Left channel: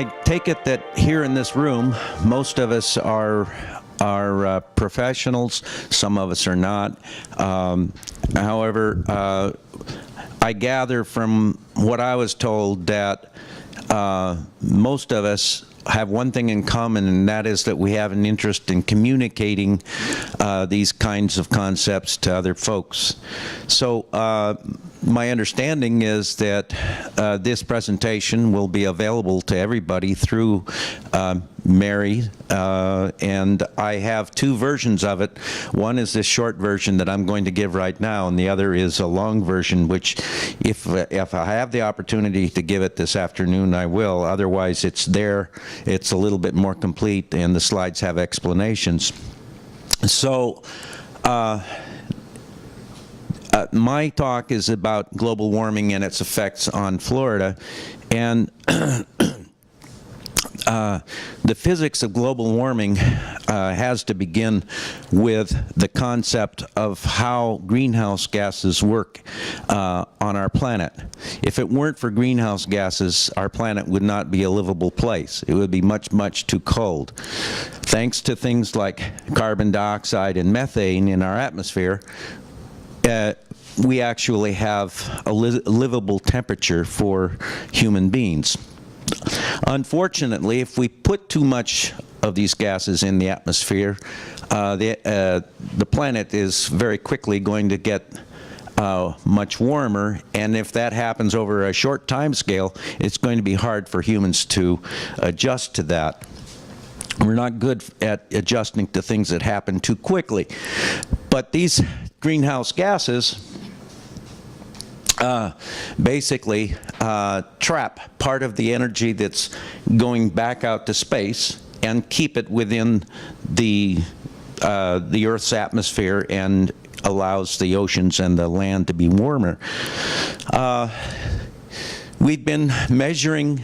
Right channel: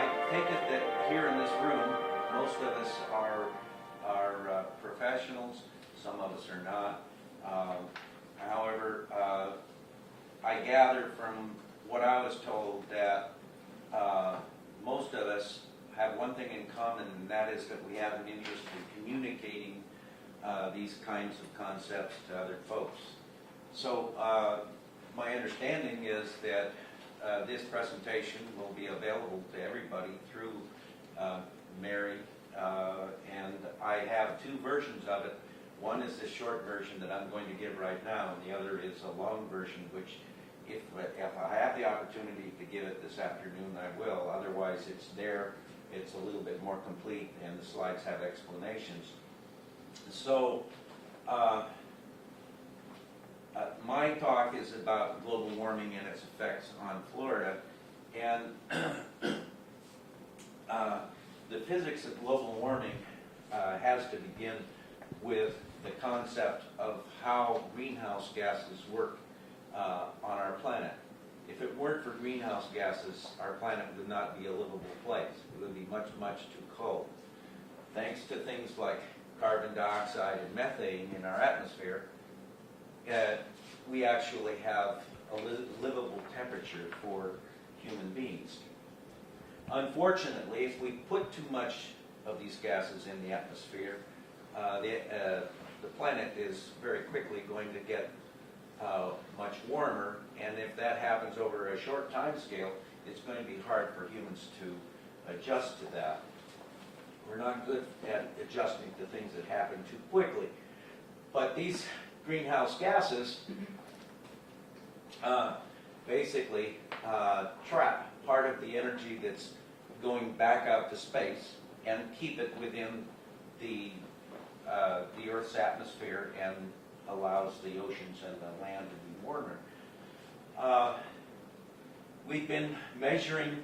I take it that here in this room, most of us are professionals. Some of us are not. However, I gather from what I was told that most of us have one thing in common, and that is that we have an interest in communicating these kinds of concepts to other folks. So my understanding is that this presentation will be available to everybody through Mary, and I have two versions of it. One is this short version that I'm going to give right now, and the other is a long version, which if I have the opportunity to give it this afternoon, I will. Otherwise, it's there. It's a little bit more complete, and the slides have explanations. So my talk is about global warming and its effects on Florida, and the physics of global warming has to begin with the concept of how greenhouse gases work on our planet. If it weren't for greenhouse gases, our planet would not be a livable place. It would be much, much too cold. Thanks to things like carbon dioxide and methane in our atmosphere, we actually have a livable temperature for human beings. Unfortunately, if we put too much of these gases in the atmosphere, the planet is very quickly going to get much warmer, and if that happens over a short time scale, it's going to be hard for humans to adjust to that. We're not good at adjusting to things that happen too quickly. But these greenhouse gases basically trap part of the energy that's going back out to space and keep it within the Earth's atmosphere, and allows the oceans and the land to be warmer. We've been measuring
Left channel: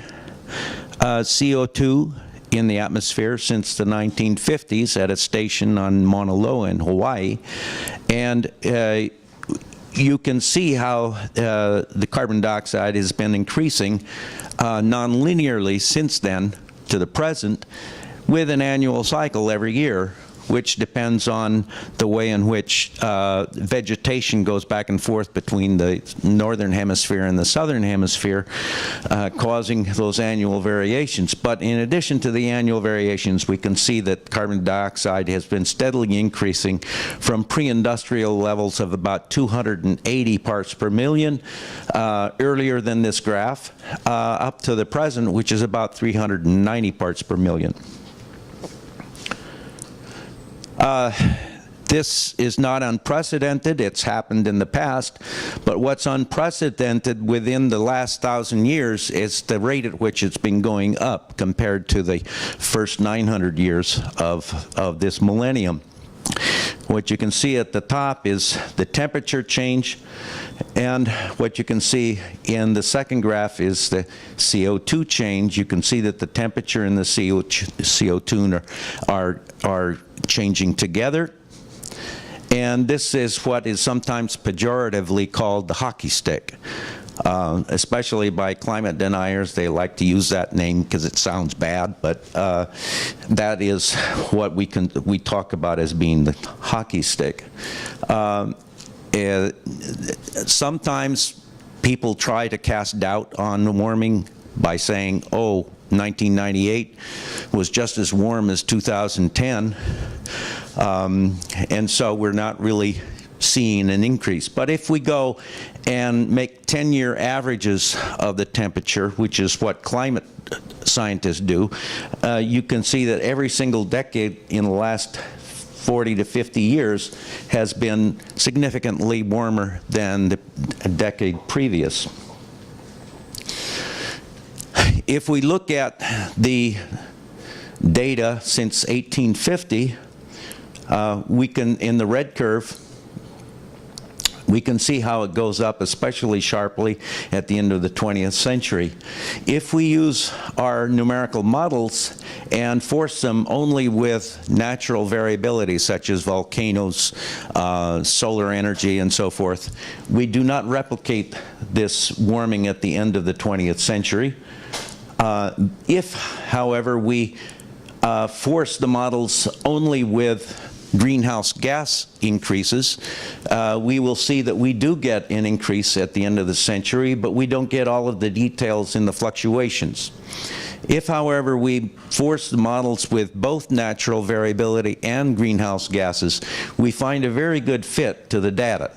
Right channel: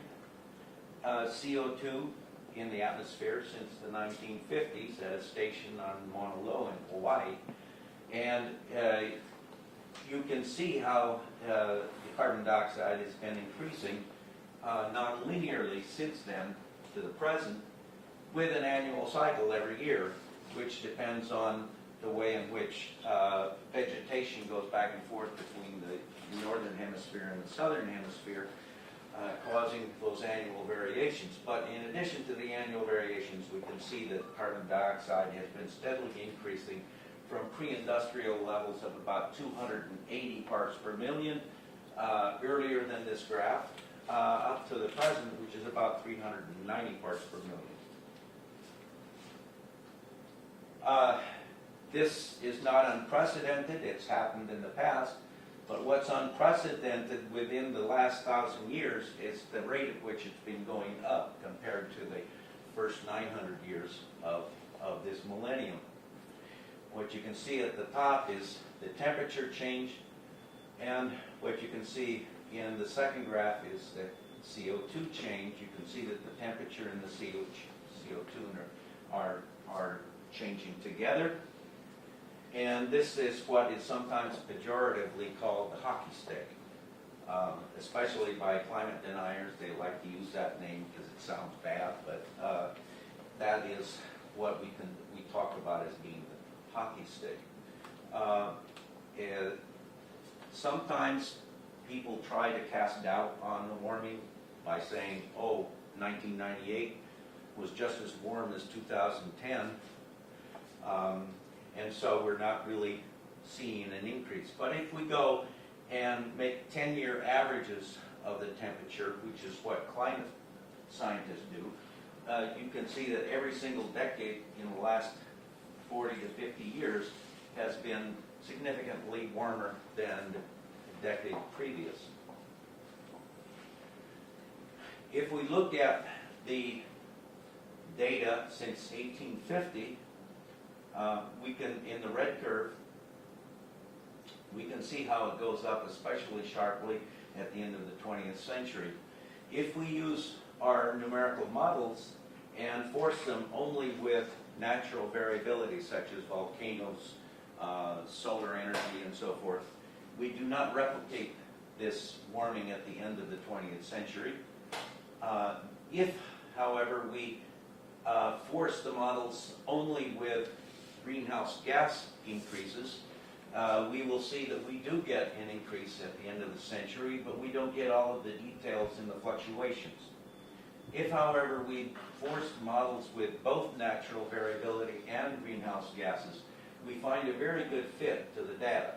CO2 in the atmosphere since the 1950s at a station on Mauna Loa in Hawaii, and you can see how the carbon dioxide has been increasing non-linearly since then to the present, with an annual cycle every year, which depends on the way in which vegetation goes back and forth between the northern hemisphere and the southern hemisphere, causing those annual variations. But in addition to the annual variations, we can see that carbon dioxide has been steadily increasing from pre-industrial levels of about 280 parts per million earlier than this graph, up to the present, which is about 390 parts per million. This is not unprecedented. It's happened in the past, but what's unprecedented within the last 1,000 years is the rate at which it's been going up compared to the first 900 years of this millennium. What you can see at the top is the temperature change, and what you can see in the second graph is the CO2 change. You can see that the temperature and the CO2 are changing together. And this is what is sometimes pejoratively called the hockey stick. Especially by climate deniers, they like to use that name because it sounds bad, but that is what we talk about as being the hockey stick. Sometimes people try to cast doubt on warming by saying, oh, 1998 was just as warm as 2010, and so we're not really seeing an increase. But if we go and make 10-year averages of the temperature, which is what climate scientists do, you can see that every single decade in the last 40 to 50 years has been significantly warmer than the decade previous. If we look at the data since 1850, we can, in the red curve, we can see how it goes up especially sharply at the end of the 20th century. If we use our numerical models and force them only with natural variability, such as volcanoes, solar energy, and so forth, we do not replicate this warming at the end of the 20th century. If, however, we force the models only with greenhouse gas increases, we will see that we do get an increase at the end of the century, but we don't get all of the details in the fluctuations. If, however, we force the models with both natural variability and greenhouse gases, we find a very good fit to the data.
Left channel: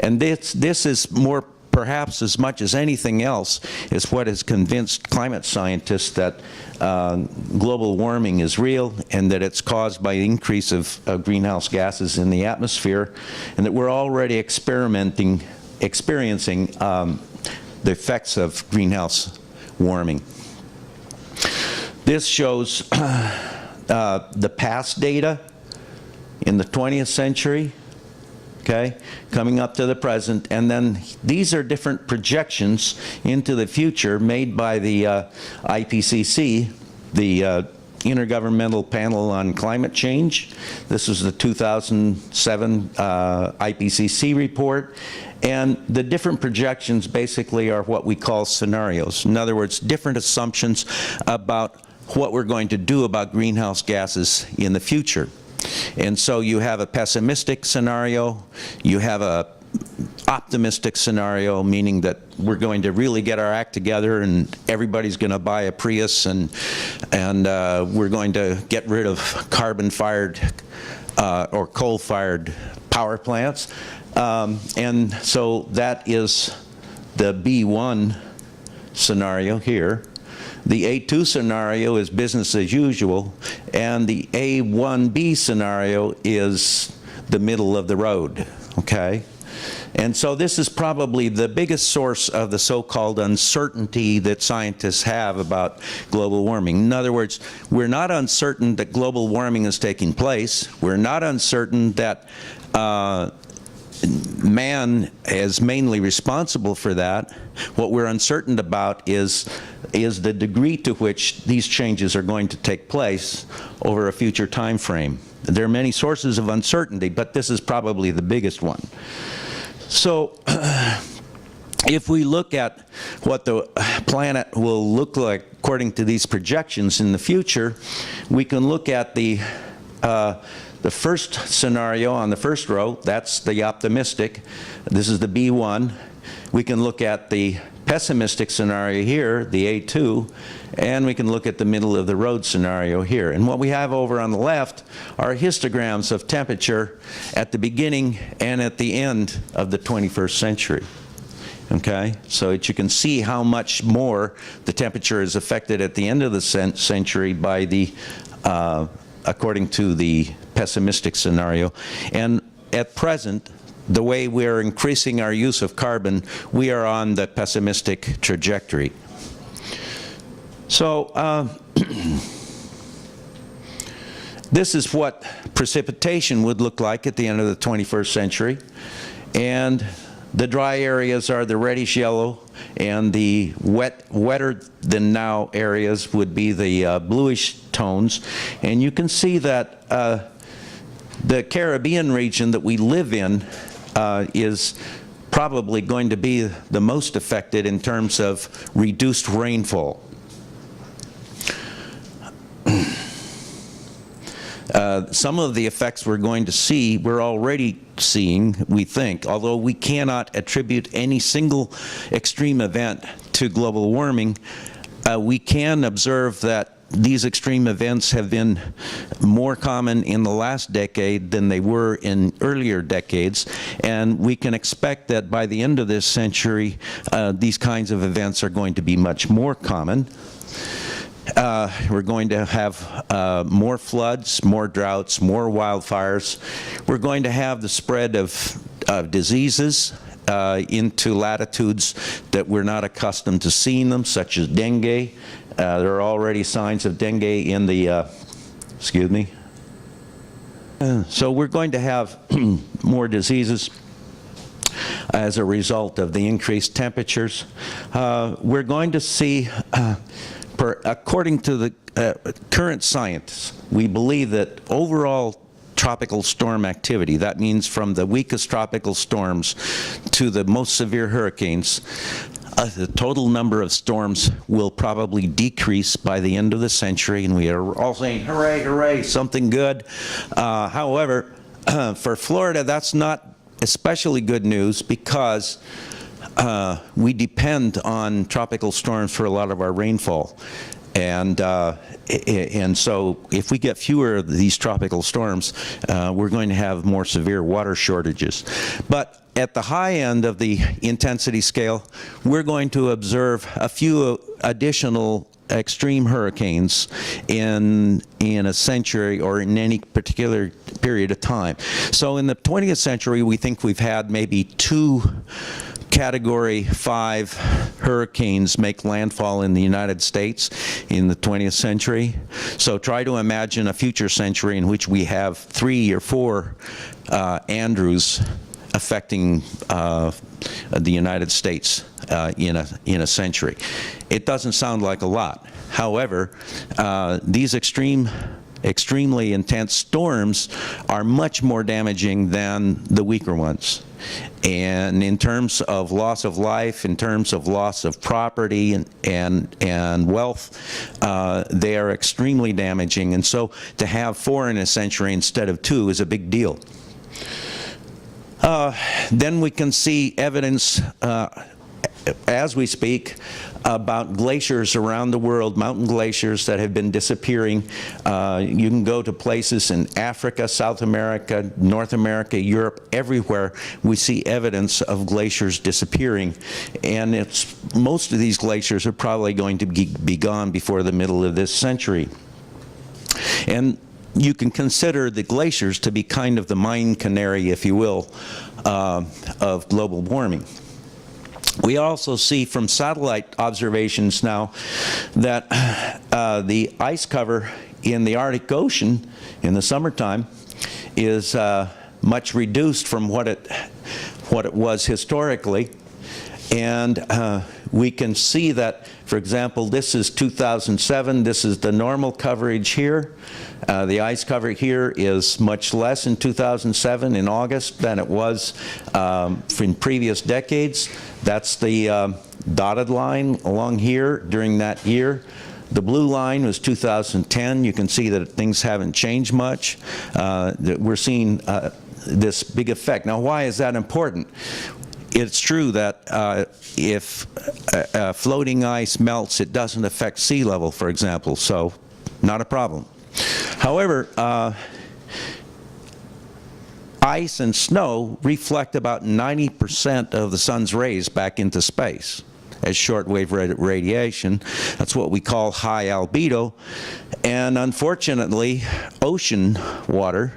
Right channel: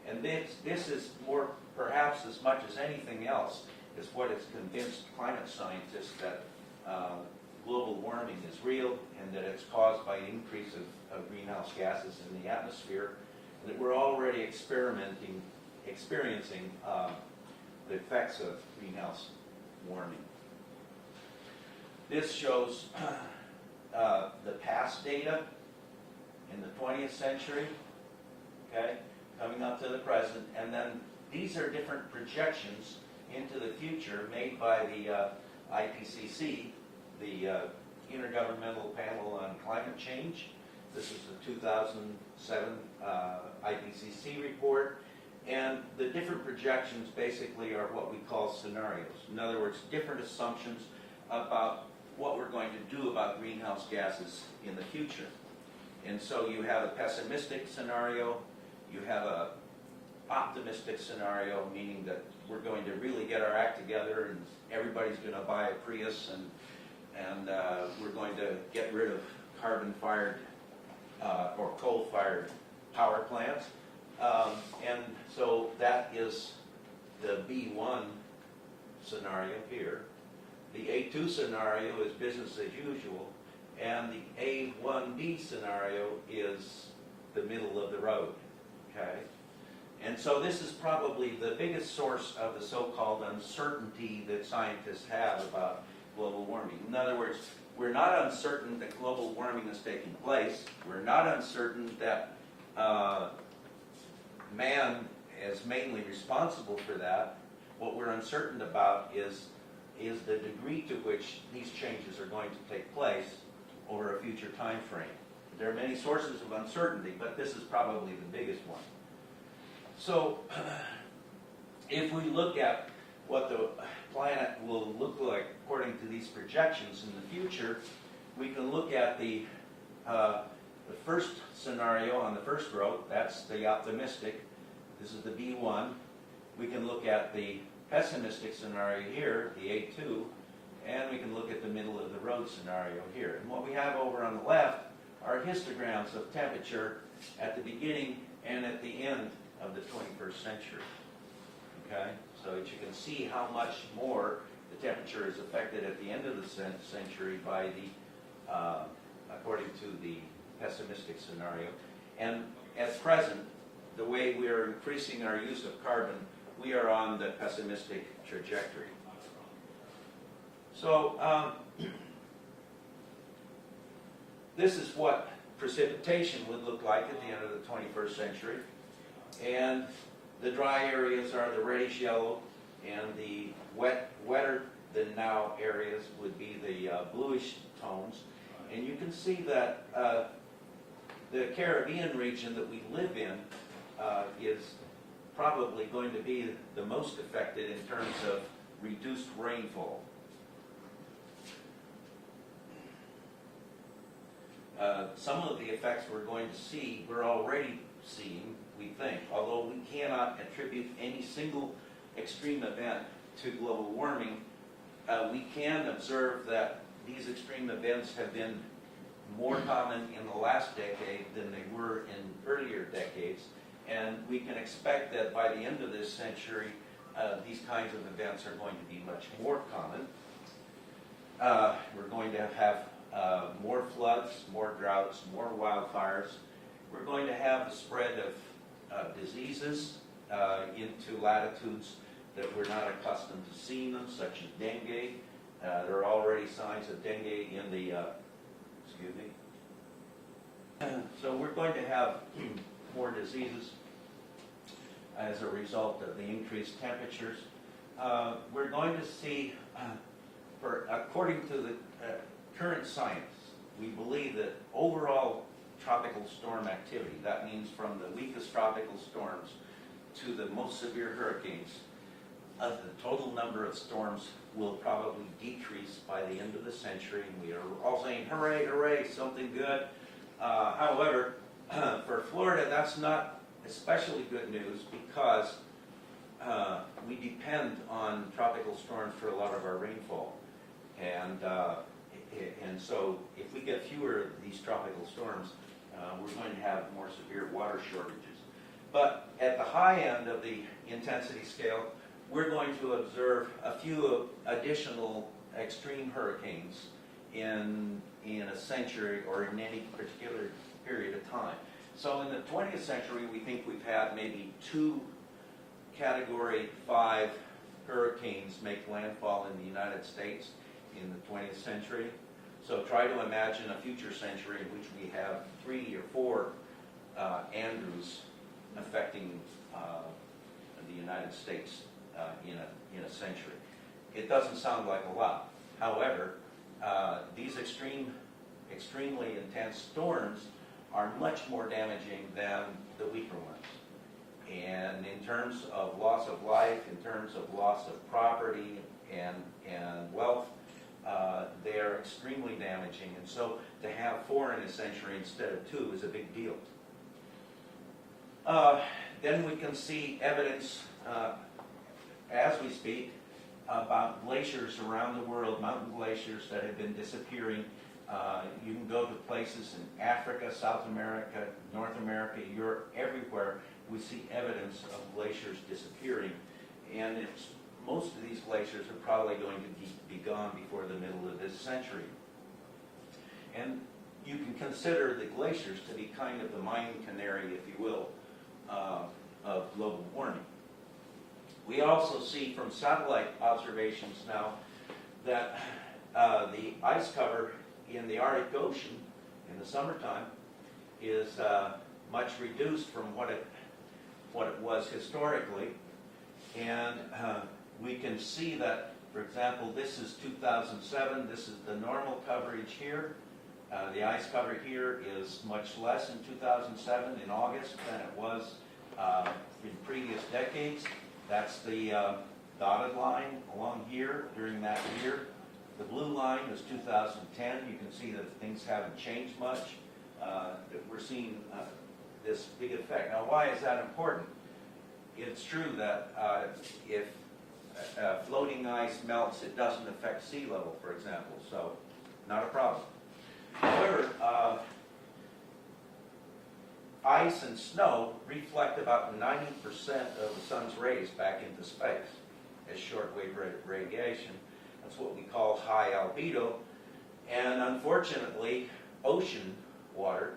And this is more, perhaps as much as anything else, is what has convinced climate scientists that global warming is real and that it's caused by the increase of greenhouse gases in the atmosphere, and that we're already experiencing the effects of greenhouse warming. This shows the past data in the 20th century, okay, coming up to the present, and then these are different projections into the future made by the IPCC, the Intergovernmental Panel on Climate Change. This is the 2007 IPCC report. And the different projections basically are what we call scenarios. In other words, different assumptions about what we're going to do about greenhouse gases in the future. And so you have a pessimistic scenario, you have a optimistic scenario, meaning that we're going to really get our act together and everybody's going to buy a Prius, and we're going to get rid of carbon-fired or coal-fired power plants. And so that is the B1 scenario here. The A2 scenario is business as usual, and the A1B scenario is the middle of the road, okay? And so this is probably the biggest source of the so-called uncertainty that scientists have about global warming. In other words, we're not uncertain that global warming is taking place. We're not uncertain that man is mainly responsible for that. What we're uncertain about is the degree to which these changes are going to take place over a future time frame. There are many sources of uncertainty, but this is probably the biggest one. So if we look at what the planet will look like according to these projections in the future, we can look at the first scenario on the first row. That's the optimistic. This is the B1. We can look at the pessimistic scenario here, the A2, and we can look at the middle of the road scenario here. And what we have over on the left are histograms of temperature at the beginning and at the end of the 21st century. Okay, so that you can see how much more the temperature is affected at the end of the century by the, according to the pessimistic scenario. And at present, the way we're increasing our use of carbon, we are on the pessimistic trajectory. So this is what precipitation would look like at the end of the 21st century. And the dry areas are the reddish yellow, and the wetter than now areas would be the bluish tones. And you can see that the Caribbean region that we live in is probably going to be the most affected in terms of reduced rainfall. Some of the effects we're going to see, we're already seeing, we think, although we cannot attribute any single extreme event to global warming, we can observe that these extreme events have been more common in the last decade than they were in earlier decades, and we can expect that by the end of this century, these kinds of events are going to be much more common. We're going to have more floods, more droughts, more wildfires. We're going to have the spread of diseases into latitudes that we're not accustomed to seeing them, such as dengue. There are already signs of dengue in the, excuse me. So we're going to have more diseases as a result of the increased temperatures. We're going to see, according to the current science, we believe that overall tropical storm activity, that means from the weakest tropical storms to the most severe hurricanes, the total number of storms will probably decrease by the end of the century, and we are all saying, hooray, hooray, something good. However, for Florida, that's not especially good news because we depend on tropical storms for a lot of our rainfall. And so if we get fewer of these tropical storms, we're going to have more severe water shortages. But at the high end of the intensity scale, we're going to observe a few additional extreme hurricanes in a century or in any particular period of time. So in the 20th century, we think we've had maybe 2 Category 5 hurricanes make landfall in the United States in the 20th century. So try to imagine a future century in which we have 3 or 4 Andrews affecting the United States in a century. It doesn't sound like a lot. However, these extremely intense storms are much more damaging than the weaker ones. And in terms of loss of life, in terms of loss of property and wealth, they are extremely damaging. And so to have 4 in a century instead of 2 is a big deal. Then we can see evidence as we speak about glaciers around the world, mountain glaciers that have been disappearing. You can go to places in Africa, South America, North America, Europe, everywhere we see evidence of glaciers disappearing. And most of these glaciers are probably going to be gone before the middle of this century. And you can consider the glaciers to be kind of the mine canary, if you will, of global warming. We also see from satellite observations now that the ice cover in the Arctic Ocean in the summertime is much reduced from what it was historically. And we can see that, for example, this is 2007. This is the normal coverage here. The ice cover here is much less in 2007 in August than it was in previous decades. That's the dotted line along here during that year. The blue line was 2010. You can see that things haven't changed much. We're seeing this big effect. Now, why is that important? It's true that if floating ice melts, it doesn't affect sea level, for example, so not a problem. However, ice and snow reflect about 90% of the sun's rays back into space as shortwave radiation. That's what we call high albedo. And unfortunately, ocean water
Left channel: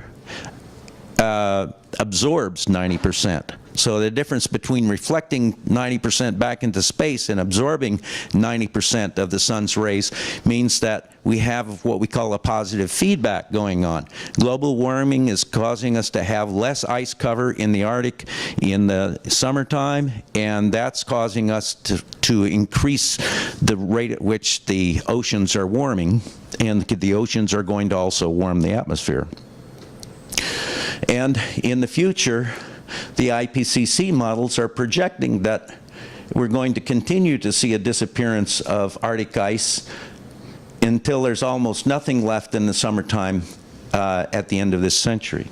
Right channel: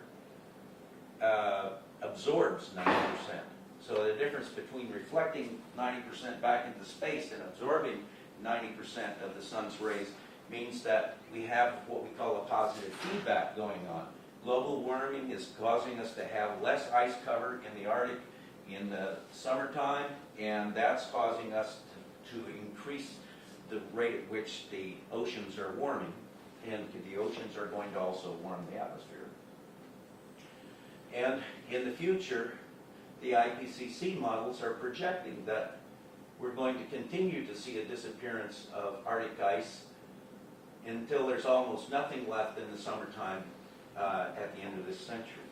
absorbs 90%. So the difference between reflecting 90% back into space and absorbing 90% of the sun's rays means that we have what we call a positive feedback going on. Global warming is causing us to have less ice cover in the Arctic in the summertime, and that's causing us to increase the rate at which the oceans are warming, and the oceans are going to also warm the atmosphere. And in the future, the IPCC models are projecting that we're going to continue to see a disappearance of Arctic ice until there's almost nothing left in the summertime at the end of this century.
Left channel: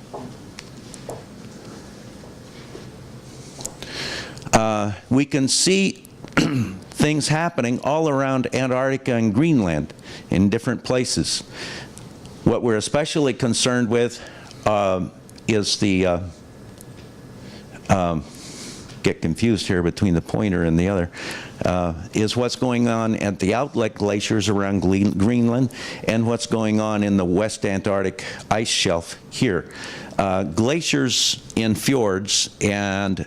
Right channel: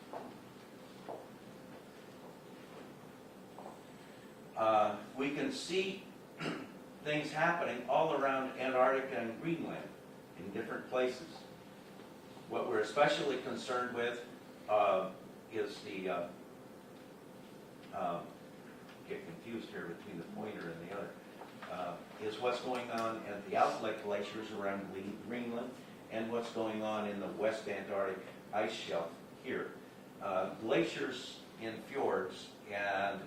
We can see things happening all around Antarctica and Greenland in different places. What we're especially concerned with is the get confused here between the pointer and the other, is what's going on at the outlet glaciers around Greenland and what's going on in the West Antarctic ice shelf here. Glaciers in fjords and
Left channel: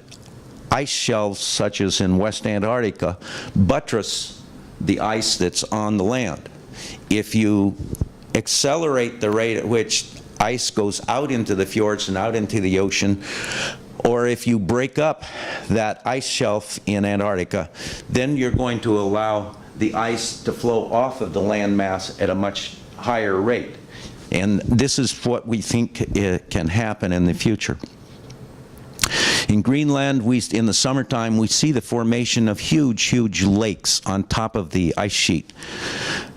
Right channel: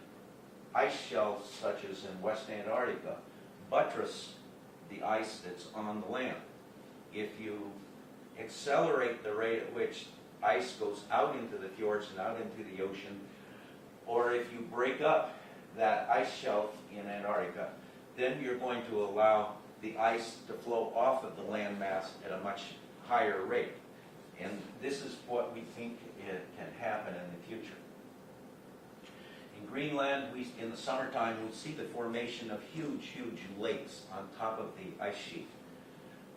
ice shelves such as in West Antarctica buttress the ice that's on the land. If you accelerate the rate at which ice goes out into the fjords and out into the ocean, or if you break up that ice shelf in Antarctica, then you're going to allow the ice to flow off of the landmass at a much higher rate. And this is what we think can happen in the future. In Greenland, in the summertime, we see the formation of huge, huge lakes on top of the ice sheet.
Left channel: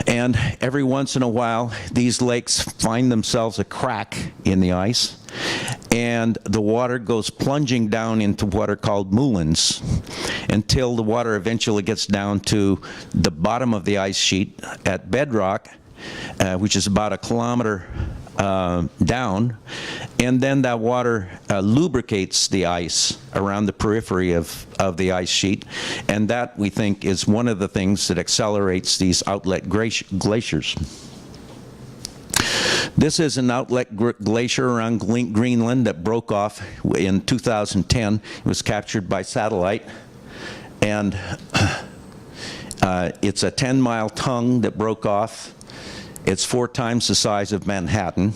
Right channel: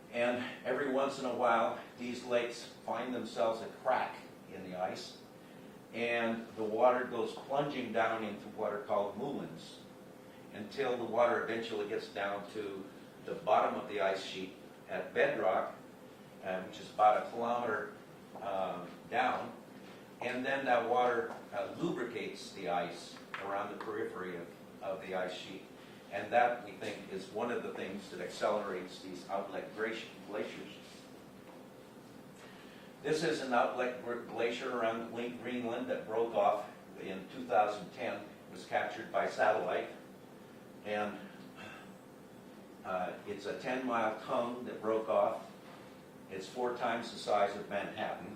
And every once in a while, these lakes find themselves a crack in the ice, and the water goes plunging down into what are called moulins until the water eventually gets down to the bottom of the ice sheet at bedrock, which is about 1 kilometer down, and then that water lubricates the ice around the periphery of the ice sheet, and that, we think, is one of the things that accelerates these outlet glaciers. This is an outlet glacier around Greenland that broke off in 2010. It was captured by satellite, and it's a 10-mile tongue that broke off. It's 4 times the size of Manhattan.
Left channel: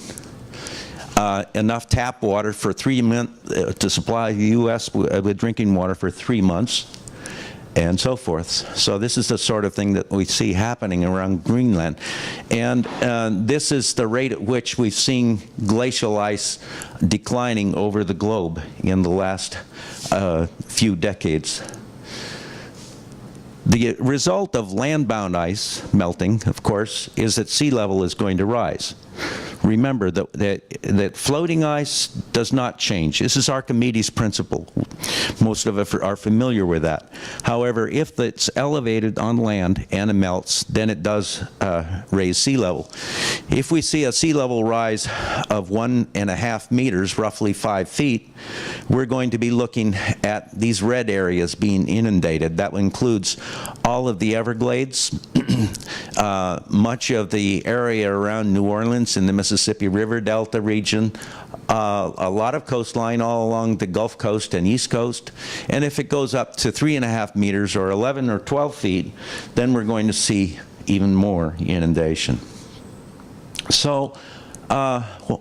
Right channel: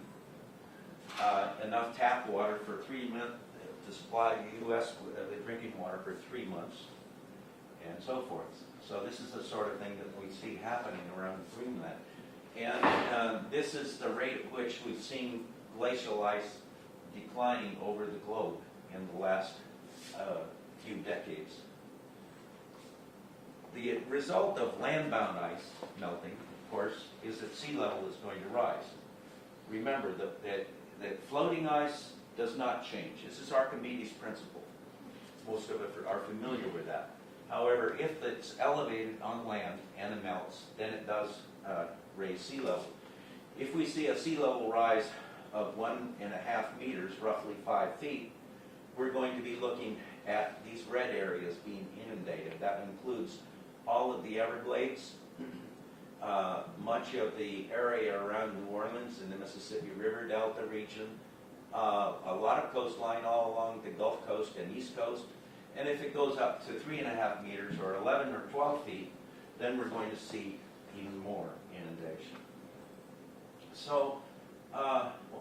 Enough tap water for 3 months to supply the U.S. with drinking water for 3 months, and so forth. So this is the sort of thing that we see happening around Greenland. And this is the rate at which we've seen glacial ice declining over the globe in the last few decades. The result of land-bound ice melting, of course, is that sea level is going to rise. Remember that floating ice does not change. This is Archimedes' principle. Most of us are familiar with that. However, if it's elevated on land and it melts, then it does raise sea level. If we see a sea level rise of 1.5 meters, roughly 5 feet, we're going to be looking at these red areas being inundated. That includes all of the Everglades, much of the area around New Orleans in the Mississippi River Delta region, a lot of coastline all along the Gulf Coast and East Coast. And if it goes up to 3.5 meters or 11 or 12 feet, then we're going to see even more inundation. So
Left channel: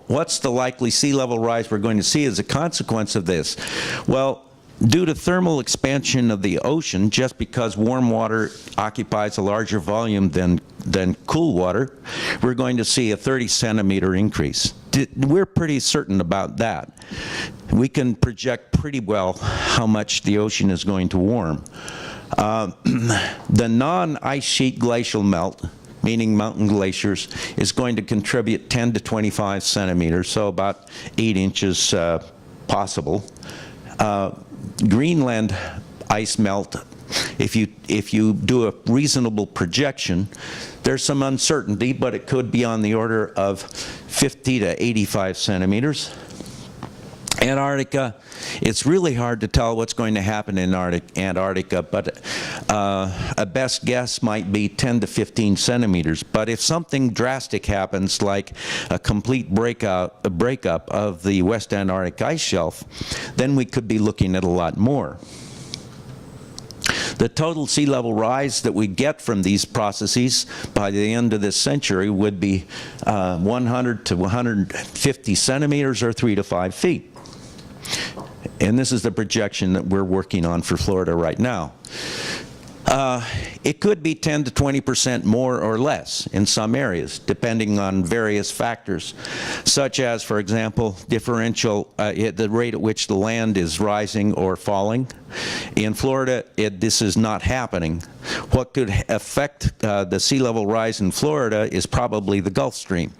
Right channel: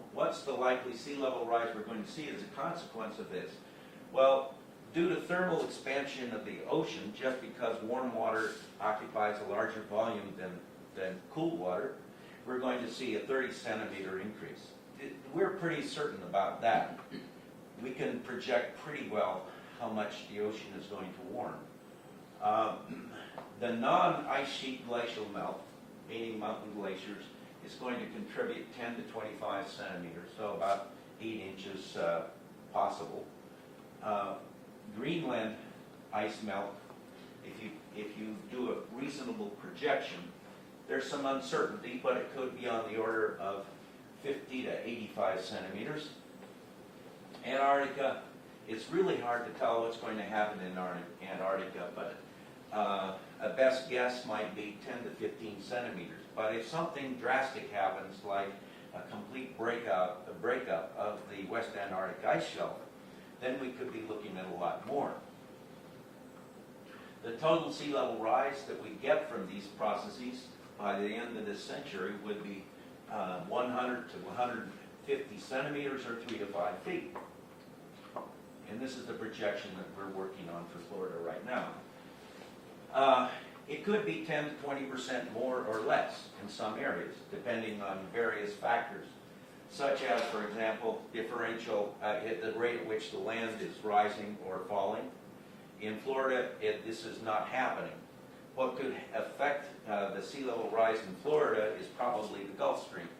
what's the likely sea level rise we're going to see as a consequence of this? Well, due to thermal expansion of the ocean, just because warm water occupies a larger volume than cool water, we're going to see a 30-centimeter increase. We're pretty certain about that. We can project pretty well how much the ocean is going to warm. The non-ice sheet glacial melt, meaning mountain glaciers, is going to contribute 10 to 25 centimeters, so about 8 inches possible. Greenland ice melt, if you do a reasonable projection, there's some uncertainty, but it could be on the order of 50 to 85 centimeters. Antarctica, it's really hard to tell what's going to happen in Antarctica, but a best guess might be 10 to 15 centimeters. But if something drastic happens, like a complete breakup of the West Antarctic ice shelf, then we could be looking at a lot more. The total sea level rise that we get from these processes by the end of this century would be 100 to 150 centimeters or 3 to 5 feet. And this is the projection that we're working on for Florida right now. It could be 10 to 20% more or less in some areas, depending on various factors, such as, for example, differential, the rate at which the land is rising or falling. In Florida, this is not happening. What could affect the sea level rise in Florida is probably the Gulf Stream.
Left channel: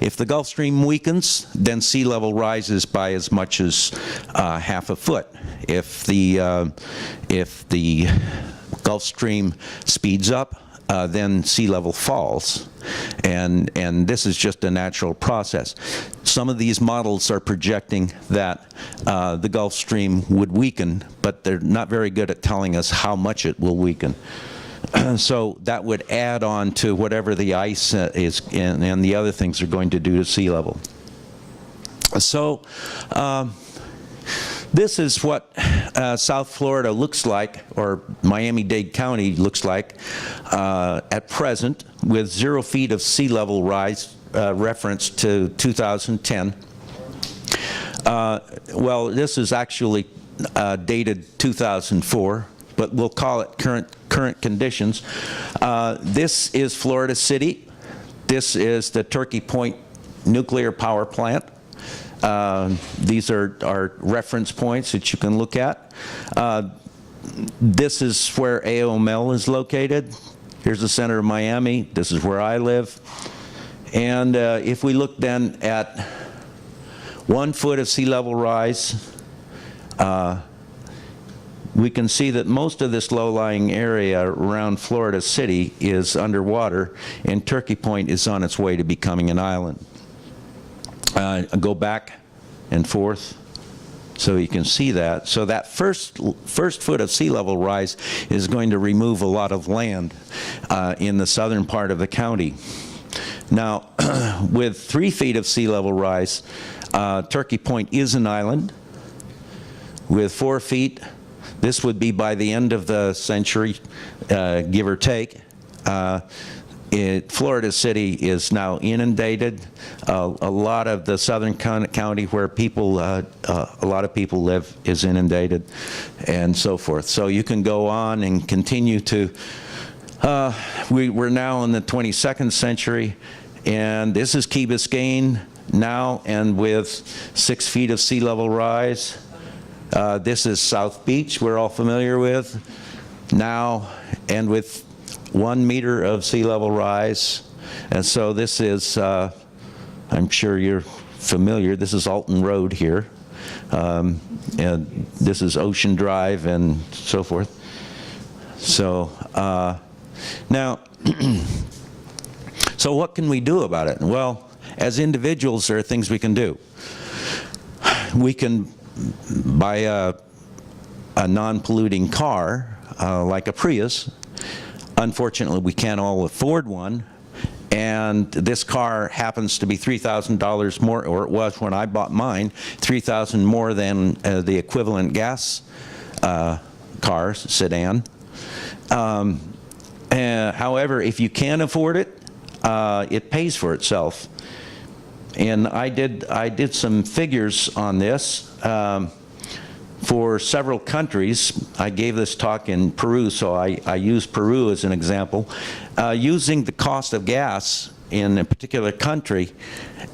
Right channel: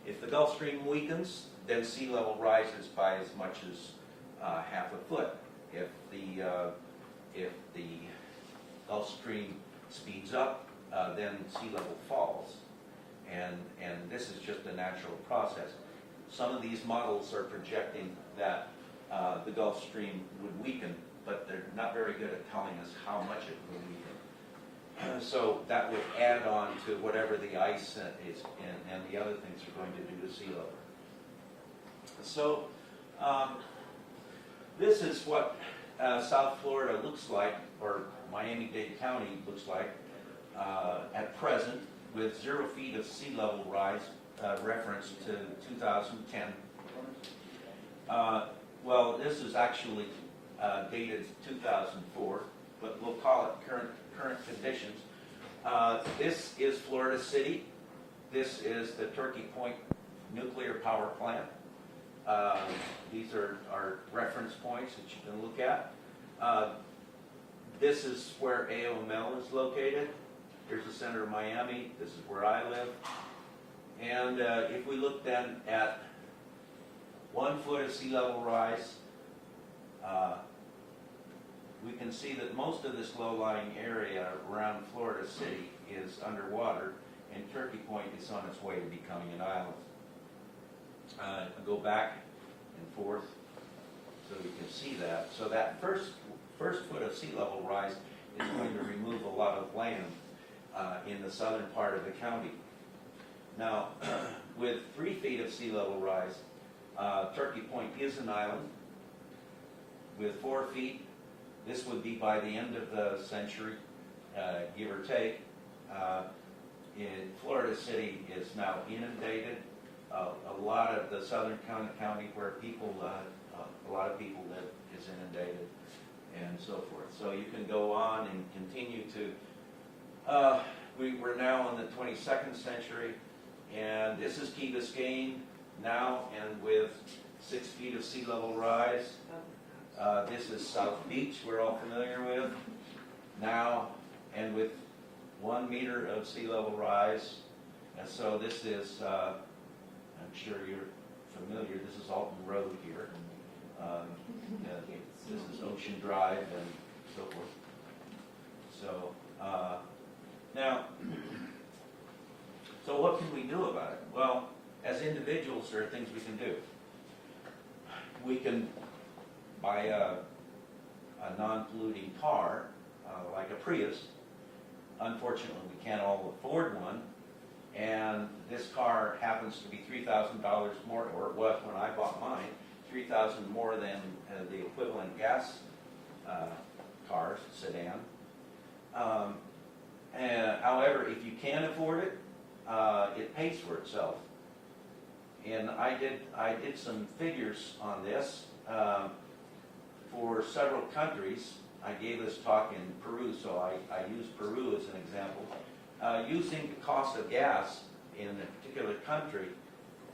If the Gulf Stream weakens, then sea level rises by as much as half a foot. If the Gulf Stream speeds up, then sea level falls. And this is just a natural process. Some of these models are projecting that the Gulf Stream would weaken, but they're not very good at telling us how much it will weaken. So that would add on to whatever the ice is and the other things are going to do to sea level. So this is what South Florida looks like, or Miami-Dade County looks like at present, with 0 feet of sea level rise reference to 2010. Well, this is actually dated 2004, but we'll call it current conditions. This is Florida City. This is the Turkey Point nuclear power plant. These are reference points that you can look at. This is where AOML is located. Here's the center of Miami. This is where I live. And if we look then at 1 foot of sea level rise, we can see that most of this low-lying area around Florida City is underwater, and Turkey Point is on its way to becoming an island. Go back and forth so you can see that. So that first foot of sea level rise is going to remove a lot of land in the southern part of the county. Now, with 3 feet of sea level rise, Turkey Point is an island. With 4 feet, this would be by the end of the century, give or take. Florida City is now inundated. A lot of the southern county where people, a lot of people live is inundated, and so forth. So you can go on and continue to, we're now in the 22nd century, and this is Key Biscayne now, and with 6 feet of sea level rise. This is South Beach, we're all familiar with now, and with 1 meter of sea level rise. And so this is, I'm sure you're familiar, this is Alton Road here. And this is Ocean Drive and so forth. So now, so what can we do about it? Well, as individuals, there are things we can do. We can buy a non-polluting car, like a Prius. Unfortunately, we can't all afford one, and this car happens to be $3,000 more, or it was when I bought mine, $3,000 more than the equivalent gas car, sedan. However, if you can afford it, it pays for itself. And I did some figures on this. For several countries, I gave this talk in Peru, so I used Peru as an example, using the cost of gas in a particular country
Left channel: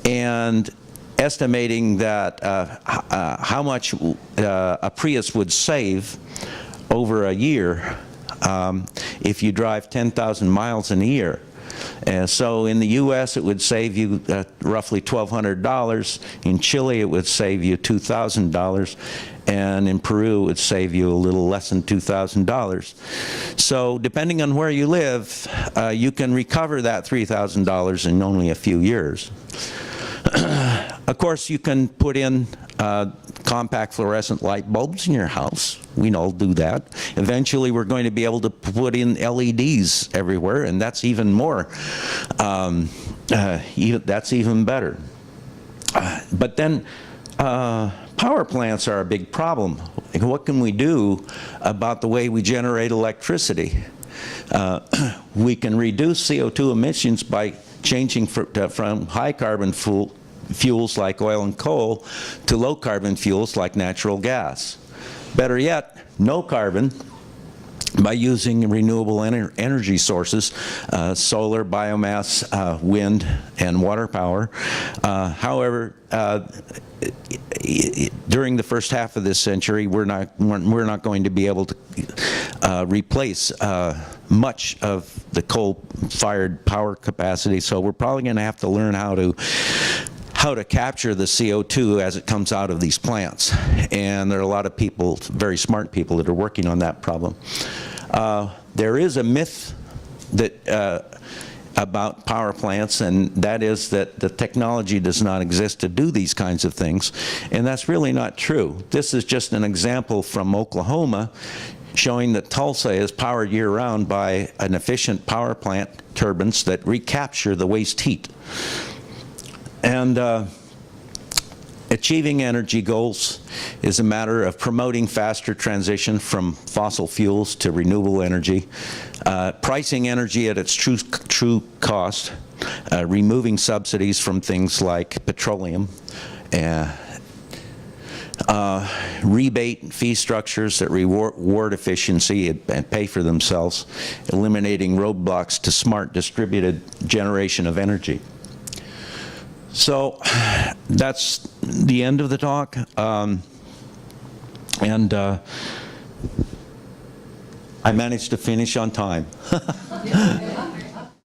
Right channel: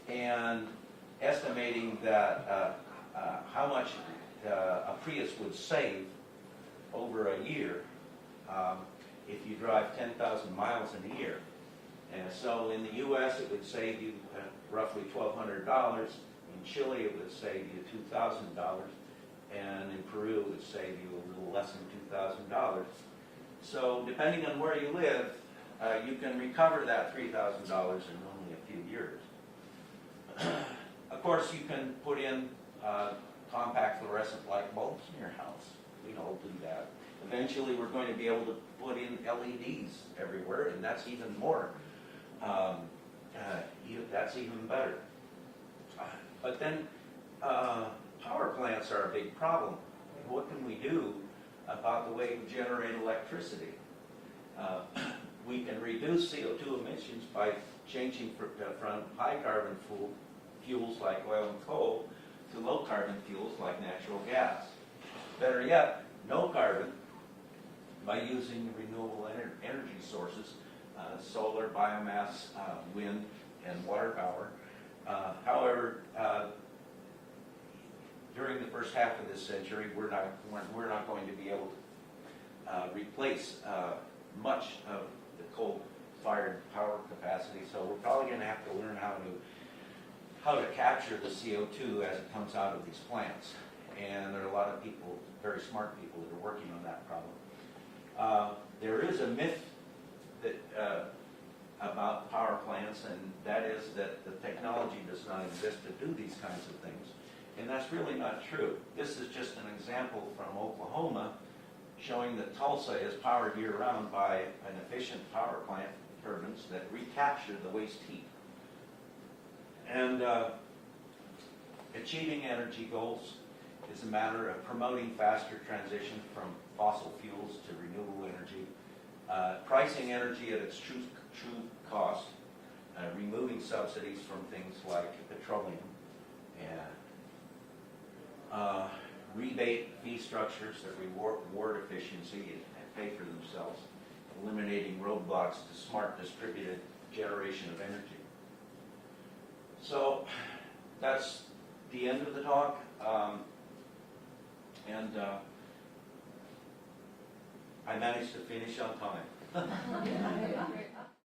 and estimating that how much a Prius would save over a year if you drive 10,000 miles in a year. And so in the US, it would save you roughly $1,200. In Chile, it would save you $2,000. And in Peru, it would save you a little less than $2,000. So depending on where you live, you can recover that $3,000 in only a few years. Of course, you can put in compact fluorescent light bulbs in your house. We all do that. Eventually, we're going to be able to put in LEDs everywhere, and that's even more, that's even better. But then, power plants are a big problem. What can we do about the way we generate electricity? We can reduce CO2 emissions by changing from high carbon fuels like oil and coal to low carbon fuels like natural gas. Better yet, no carbon, by using renewable energy sources, solar, biomass, wind, and water power. However, during the first half of this century, we're not going to be able to replace much of the coal-fired power capacity, so we're probably going to have to learn how to capture the CO2 as it comes out of these plants. And there are a lot of people, very smart people, that are working on that problem. There is a myth that about power plants, and that is that the technology does not exist to do these kinds of things, and that's really not true. This is just an example from Oklahoma showing that Tulsa is powered year-round by an efficient power plant turbines that recapture the waste heat. And achieving energy goals is a matter of promoting faster transition from fossil fuels to renewable energy, pricing energy at its true cost, removing subsidies from things like petroleum, rebate fee structures that reward efficiency and pay for themselves, eliminating roadblocks to smart distributed generation of energy. So that's the end of the talk. And I managed to finish on time.